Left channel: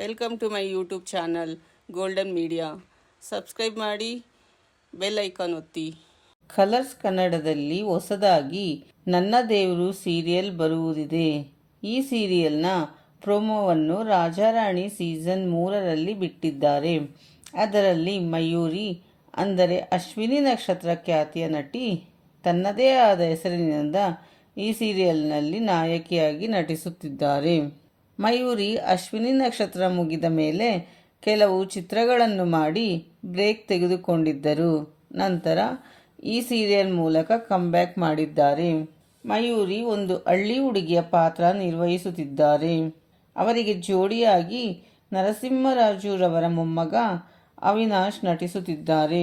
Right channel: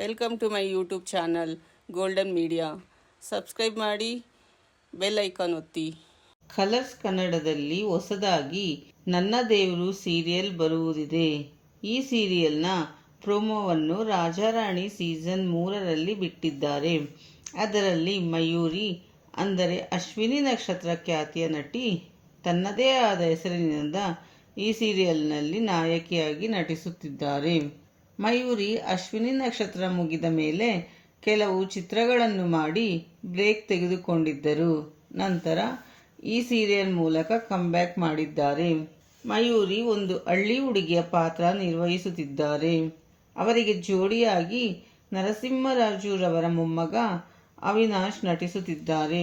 Welcome to my YouTube channel golden media subscribe ಮಾಡಿ bell icon ಒತ್ತಿ. Colors ಕನ್ನಡದಲ್ಲಿ ಹೊಸದಾಗಿ ನನ್ನ ದೇವರು ಸೀರಿಯಲ್ ಬರುವುದಿದೆ. ಈ ಸೀರಿಯಲ್ನ ಪ್ರೊಮೋವನ್ನು ರಾಜಾರಾಣಿ ಸೀಸನ್ ಮೂರರಲ್ಲಿ ಬಿಟ್ಟಿದ್ದಾರೆ. ಅದರಲ್ಲಿ ಮಯೂರಿ, ಅಂದರೆ ಅಶ್ವಿನಿ ನಕ್ಷತ್ರ ಖ್ಯಾತಿಯ ನಟಿ, ತನ್ನದೇ ಆದ ಹೆಸರಿನಿಂದ ಈ ಸೀರಿಯಲ್ನಲ್ಲಿ ನಾಯಕಿಯಾಗಿ ನಟಿಸುತ್ತಿದ್ದಾರೆ. ಮಯೂರಿ ಅಶ್ವಿನಿ ನಕ್ಷತ್ರ ಮುಗಿದ ಮೇಲೆ ಕೆಲವು ಚಿತ್ರಗಳನ್ನು ಮಾಡಿ ಬ್ರೇಕ್ ತೆಗೆದುಕೊಂಡಿದ್ದರು. ನಂತರ ಈ ಸೀರಿಯಲ್ ಮೂಲಕ ಕಮ್ಬ್ಯಾಕ್ ಮಾಡಿದ್ದಾರೆ. ಮಯೂರಿ ಒಂದು ಹಳ್ಳಿ ಹುಡುಗಿಯ ಪಾತ್ರ ನಿರ್ವಹಿಸುತ್ತಿದ್ದಾರೆ. ಅವರಿಗೆ ಜೋಡಿಯಾಗಿ ನರಸಿಂಹರಾಜುರವರ ಮೊಮ್ಮಗ ಅವಿನಾಶ್ ನಟಿಸುತ್ತಿದ್ದಾರೆ.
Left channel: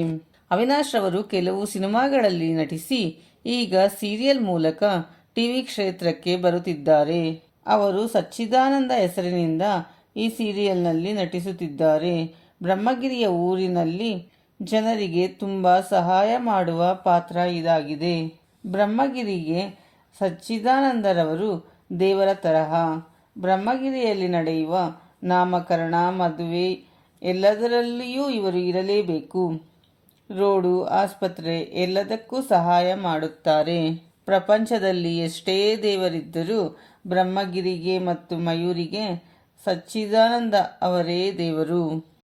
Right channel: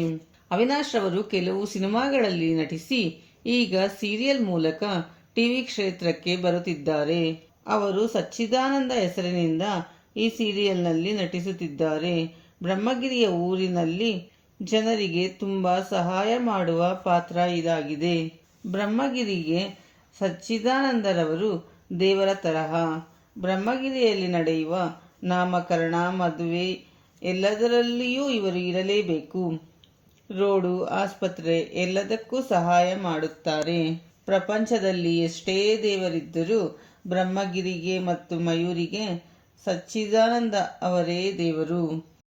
ಅವಿನಾಶ್ ರವರು ಕೆಲವು ಸಿನಿಮಾಗಳಲ್ಲಿ ನಟಿಸಿ ಈಗ ಸೀರಿಯಲ್ ಮೂಲಕ ಟಿವಿ ಕ್ಷೇತ್ರಕ್ಕೆ ಬರುತ್ತಿದ್ದಾರೆ. ಅವರು ಸಚ್ಚಿದಾನಂದ ಹೆಸರಿನಿಂದ ಈ ಸೀರಿಯಲ್ನಲ್ಲಿ ನಟಿಸುತ್ತಿದ್ದಾರೆ. ಬ್ರಹ್ಮಗಿರಿಯ ಊರಿನಲ್ಲಿ ಜನರಿಗೆ ತುಂಬ ಸಹಾಯ ಮಾಡುವ ಪಾತ್ರ ಇದಾಗಿದೆ. ಬ್ರಹ್ಮಗಿರಿಗೆ ಸಚ್ಚಿದಾನಂದರವರು ದೇವರ ತರಹ. ಬ್ರಹ್ಮಗಿರಿಯಲ್ಲಿ ನಡೆಯುವ ನಾಮಕರಣ, ಮದುವೆ ಎಲ್ಲದರಲ್ಲಿಯೂ ಇವರು ಇರಲೇಬೇಕು. ರೋಡು, ಆಸ್ಪತ್ರೆ ಎಲ್ಲದಕ್ಕೂ ಸಹಾಯ ಮಾಡುತ್ತಾರೆ. ಪ್ರಪಂಚದಲ್ಲಿ ಎಷ್ಟೇ ದೇವರಿದ್ದರೂ ಬ್ರಹ್ಮಗಿರಿಗೆ ಮತ್ತು ಮಯೂರಿಗೆ ಸಚ್ಚಿದಾನಂದ ಅವರೇ ದೇವರು.